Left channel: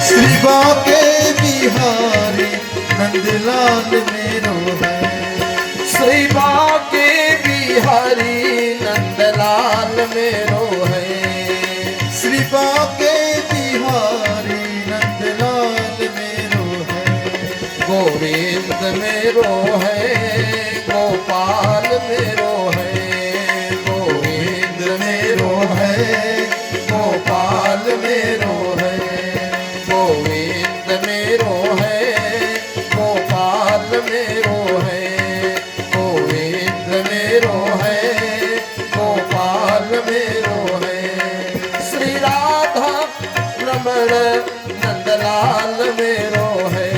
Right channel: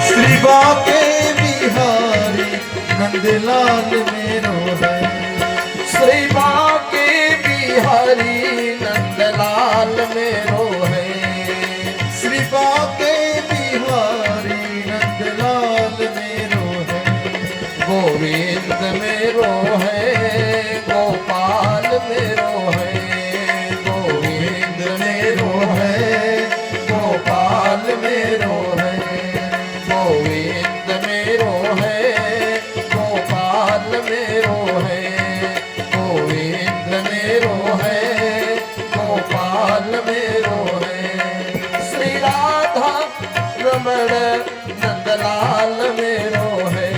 श्री बाके बिहारी नंदलाल मेरो है। श्री बाके बिहारी नंदलाल मेरो है। श्री बाके बिहारी नंदलाल मेरो है। गोविंद मेरो है, गोपाल मेरो है। गोविंद मेरो है, गोपाल मेरो है। गोविंद मेरो है, गोपाल मेरो है। गोविंद मेरो है, गोपाल मेरो है। श्री राधा रमण नंदलाल मेरो है।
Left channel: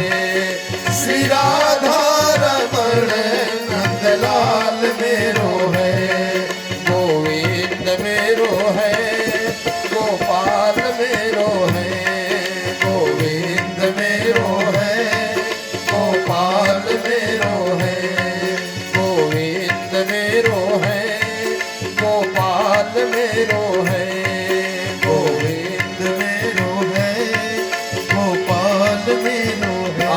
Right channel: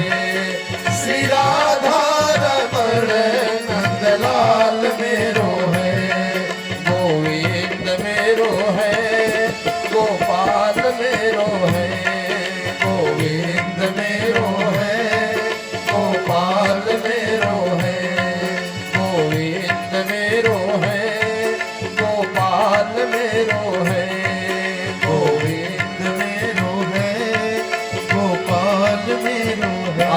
श्री राधा रमण नंदलाल मेरो है। गोविंद मेरो है, गोपाल मेरो है। गोविंद मेरो है, गोपाल मेरो है। गोविंद मेरो है, गोपाल मेरो है। गोविंद मेरो है, गोपाल मेरो है।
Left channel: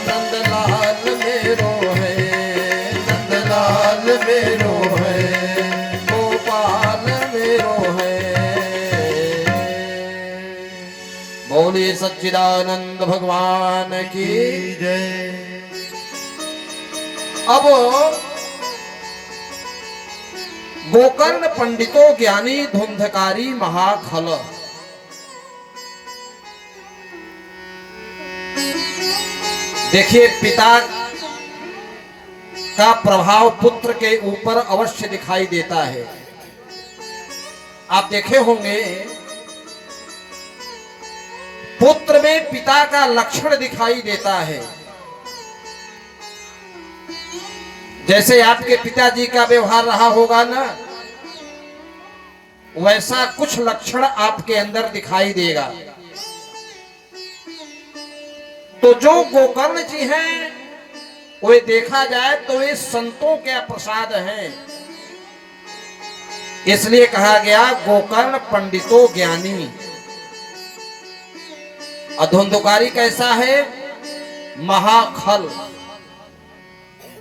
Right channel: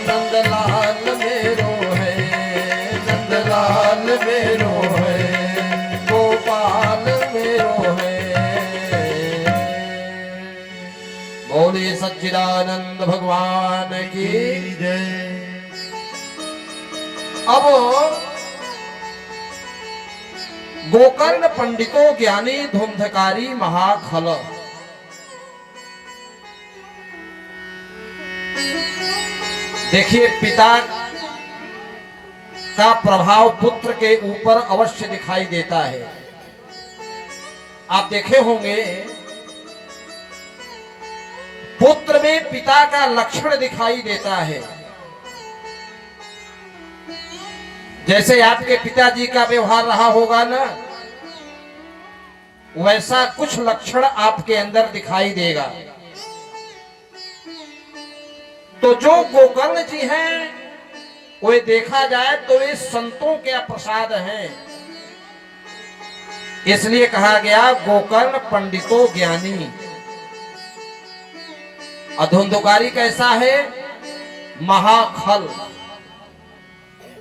नंदलाल मेरो है, नंदलाल मेरो है। गोपाल मेरो है। बोलिए सच्चिदानंद भगवान की। जय। अब गोकर्ण पंडितों ज्ञानी धुंधकारी महाखल। देखिए, पिता का प्रभाव पुत्र के ऊपर अवश्य दिखाई देता है। आप देखे होंगे, पुत्र में पिता का लक्षण दिखाई देता है। जैसे आपके पिताजी का व्यवहार रहा होगा ना, वैसा कुछ लक्षण आपके अंदर दिखाई देगा। तो जो गोकर्ण जी हैं, वे देखा जाए तो वे संतों के प्रसाद हैं। इसलिए कहा गया गोकर्ण पंडितों ज्ञानी। अधुंधकारी कैसा है? महाखल,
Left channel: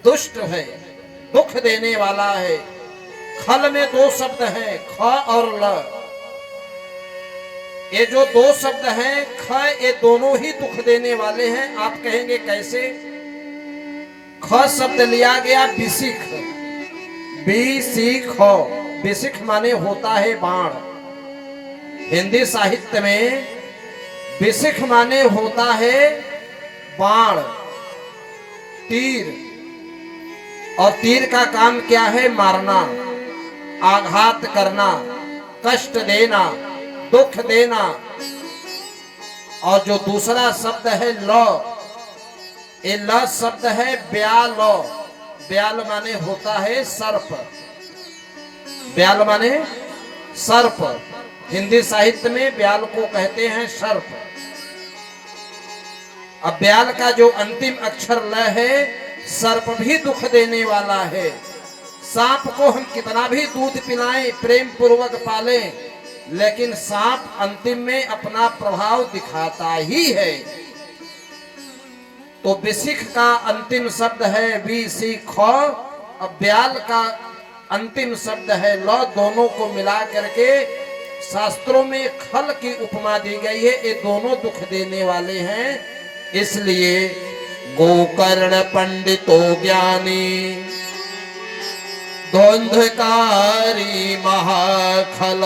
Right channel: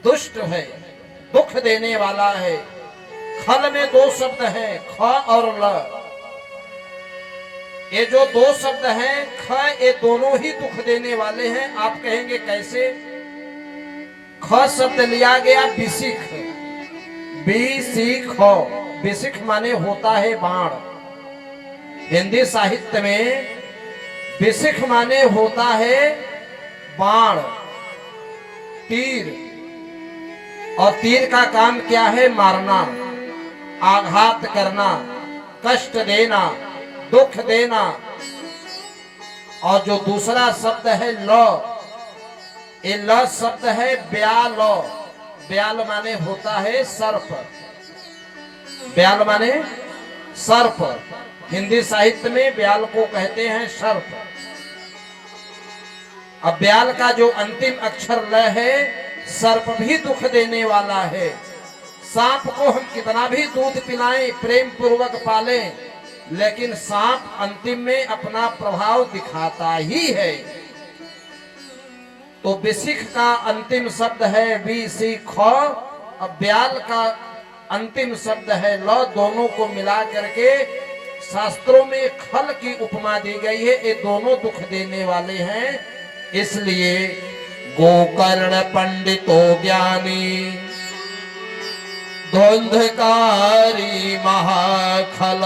दुष्ट है, दुख देने वाला है। खल में दो शब्द हैं, ख और ल। ये जो दो शब्द हैं, ख, ये दोनों ही दुख देने वाले हैं। आप कहेंगे कैसे? ख शब्द लिया गया बिसिख, बिसिख। बिसिख माने होता है बाण। हिंदी साहित्य में बिसिख माने होता है बाण, तीर। और तीर का काम क्या है? मारना, आघात करना, कष्ट देना, दुख देना। और जो दूसरा शब्द है ल, ये ल शब्द है ब्याल। ब्याल माने होता है सर्प। ब्याल माने सर्प। हिंदी साहित्य में ब्याल को कहते हैं सर्प। अब ब्याल का जो अंतिम अक्षर ल है, सर्प भी दुख देने वाला है। सांप को हम कितना भी दूध पिलाएं, प्रेम पूर्वक पालें, लेकिन सांप अंतिम में अपना प्रभाव दिखाता ही है। तो बिसिख का अंतिम शब्द है बिसिख, और ब्याल का अंतिम शब्द है ल। दोनों को मिला करके शास्त्रों में खल की उपमा दी गई है। ये दोनों दुख देने वाले हैं। इसलिए गोकर्ण पंडितों ज्ञानी धुंधकारी महाखल।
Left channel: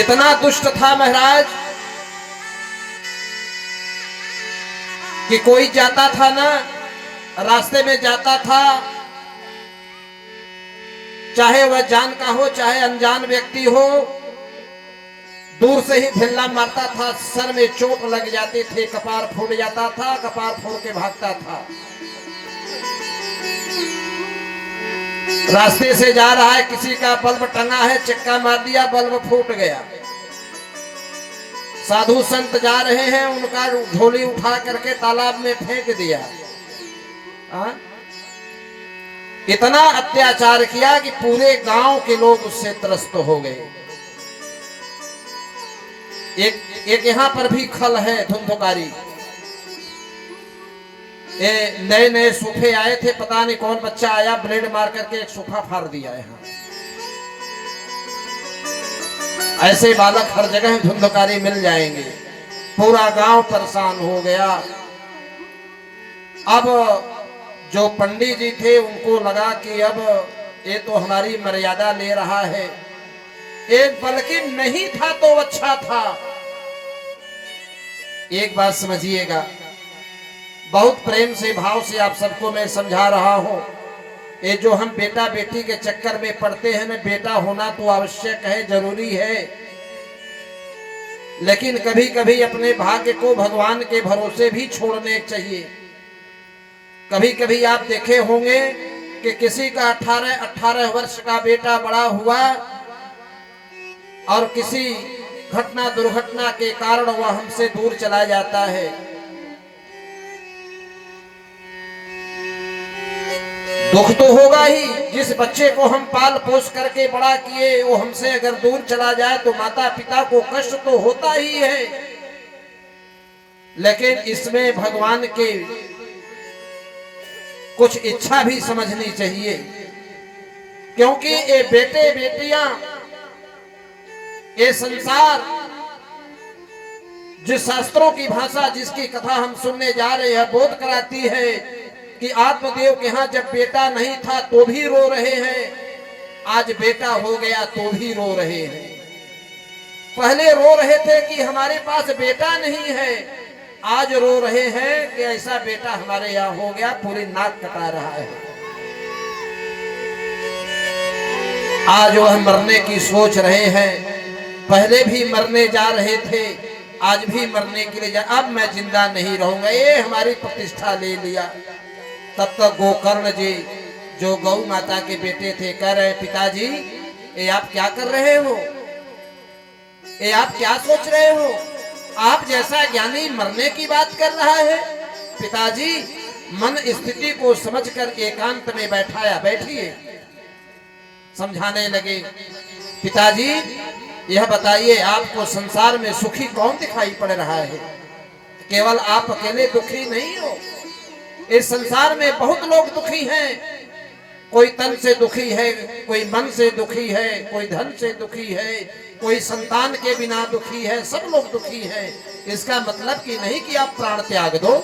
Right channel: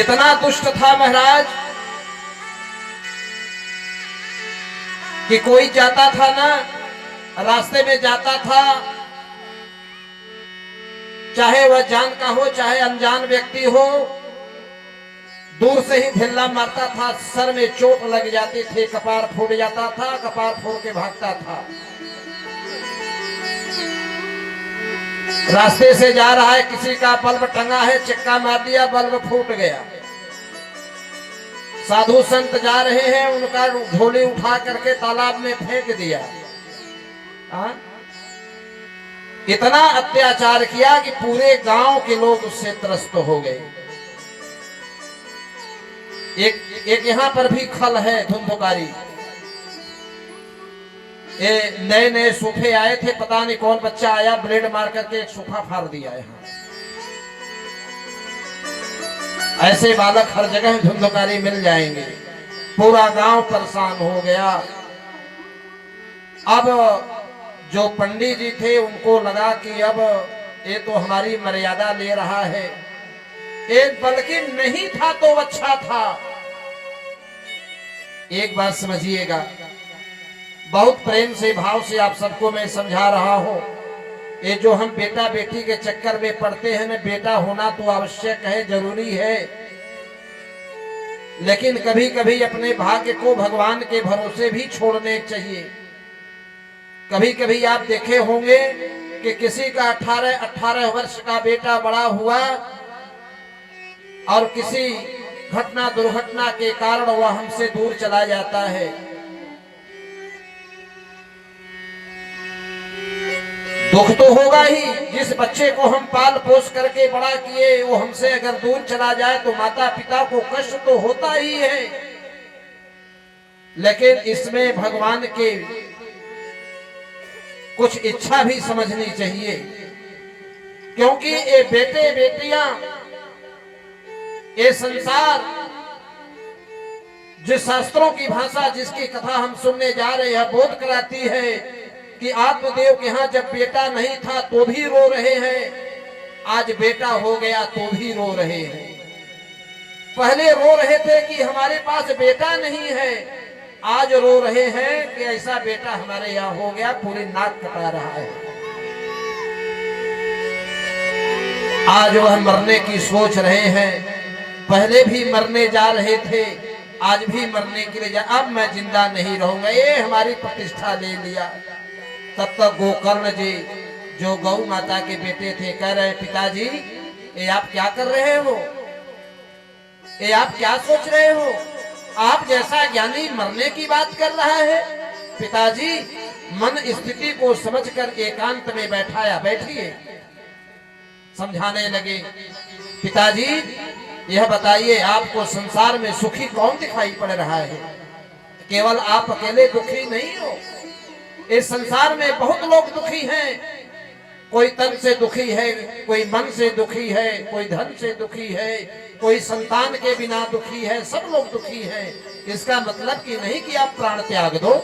इतना दुष्ट था महाराज कि कोई जाता था ना, रास्ते में जाता था, चाहे वह जान का हो चाहे अनजान व्यक्ति हो, दूर से ही ढिल्ला मारता था, सर में चोट लग जाती थी, कपार फूट जाता था, कपार फोड़ के भागता था। रास्ते से जा रहा है, किसी का बल्ब टंगा है, चक्का मार दिया, बल्ब फूट गया। साधु संत जा रहे हैं, उनका झोली उठा करके तालाब में फेंक दिया। इतना अत्याचार किया कि पूरे गांव के लोग उससे त्रस्त हो गए। एक यहाँ पर भी खल है धुंधुकारी। ये नए नए सोफे आए थे, पता नहीं कौन बच्चा आया ब्लेड मार करके एक सोफा फाड़ दिया यहाँ। ऐसे बालक हर जगह धुंधुकारी मिल जाएंगे। पूरा गांव परेशान हो गया। अब जो पंडित जी थे उनको लगा कि अब ये तो हमारी मर्यादा ले रहा है, एक बल्कि नहीं था तो अच्छा था। एक बात समझिएगा, बहुत प्रेम से भाव से आप सबको मैं समझा रहा हूं। ये जो हम बेटा बेटी के चक्कर में पड़ते हैं ना, बेटा होना तो आवश्यक है, जरूरी है, लेकिन कभी कभी अपने भाग्य को भगवान के भरोसे भी छोड़ने चाहिए। कभी कभी आप देखे होंगे कि किसी का 18 वर्ष का बेटा बड़ा हुआ और किसी घटना दुर्घटना के कारण वह हमसे दूर चला जाता है। दुख तो होगा ही, जिस बच्चे को हम पाल पोस करके बड़ा किए वो हमसे अगर दूर चला जाए तो माता पिता को कष्ट तो होता ही है, लेकिन इसमें भगवान के कुछ इच्छा भी समझनी चाहिए। क्योंकि ये बेटे बेटियां, ये संसार, जिस शास्त्रों की भाषा जिसकी कथा हम सुनने जा रहे हैं बोध कराती है कि आत्मदेव के यहाँ जब बेटा नहीं था तो भी रो रहे हैं, आज बेटा हो गया तो भी रो रहे हैं। पहले रो रहे थे कि हमारे पास बेटा नहीं है, आज रो रहे हैं कि ऐसा बेटा हमारे यहाँ हो गया, पूरी नाक कटा रहा है। आज वह मरने की सोच रहे हैं, पहले भी मरने जा रहे थे, आज भी मरने के लिए अब मैं जिंदा नहीं रहूंगा, ये हमारी प्रतिष्ठा ले लिया। तब तक गोकर्ण जी जो गौ माता के बेटे थे कह रहे पिताजी ये आप क्या कर रहे हो, ये आप क्या सोच रहे हो, आप जैसा ज्ञानी मरने की बात कर रहा है। पिताजी मन स्थिति को समझकर एकांत में बैठाया, बैठिए। समझाने लगे, पिताजी यह बताइए आपको संसार में सुखी कौन दिखाई पड़ रहा है? केवल आप अकेले दुखी नहीं हो, इस संसार में बहुत लोग दुखी हैं। कोई तन से दुखी है, कोई मन से दुखी है, कोई धन से दुखी है, कोई संतान के बिना दुखी है, सब लोग दुखी हैं। इसका मतलब कि नहीं कि आप प्राण त्याग दो।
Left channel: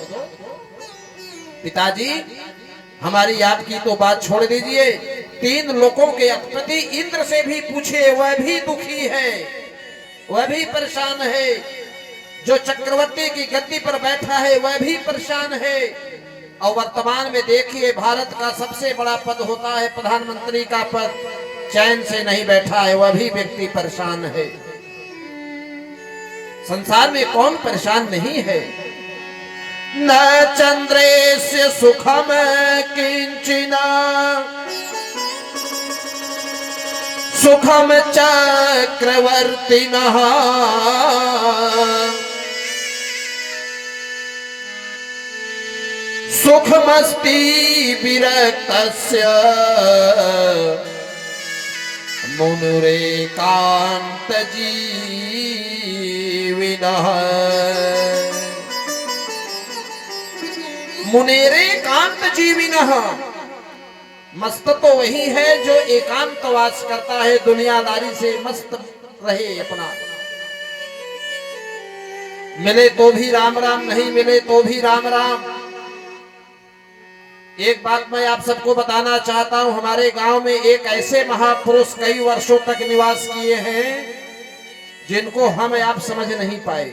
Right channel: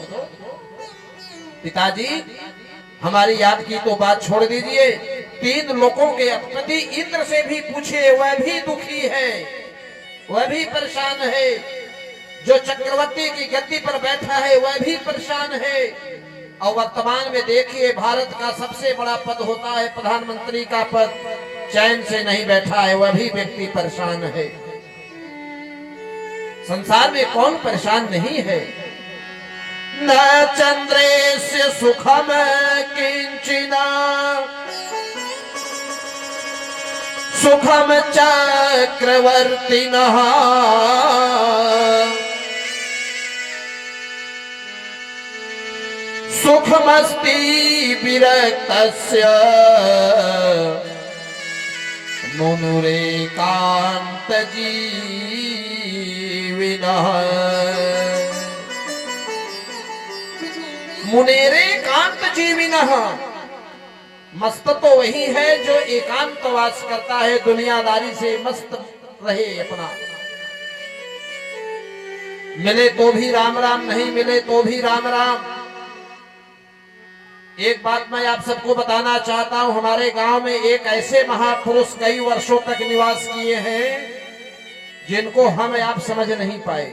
पिताजी हमारी आपकी तो बात छोड़ दीजिए, 3 लोगों के अधिपति इंद्र से भी पूछे, वह भी दुखी है, वह भी परेशान है। जो चक्रवर्ती की गद्दी पर बैठा है वह भी परेशान है। और वर्तमान में देखिए भारत का सबसे बड़ा पद होता है प्रधानमंत्री का पद, चैन से नहीं बैठा है, वह भी व्यक्ति परेशान है। संसार में कौन परेशान नहीं है? न चंद्रेस्य सुखम किंचिना सुखम चक्रवर्तिनः सुखमस्ति विरक्तस्य मुनुरेकांत जीविनः। मुनेरेकांत जीविनः, मस्त तो वही है जो एकांतवास करता है, दुनियादारी से मस्त रहे अपना। मिले तो भी राम राम, नहीं मिले तो भी राम राम। एक बात मैं आप सबको बताना चाहता हूं, हमारे गांव में एक ऐसे महापुरुष कई वर्षों तक निवास किए हैं जिनको हम आप समझ नहीं पाए।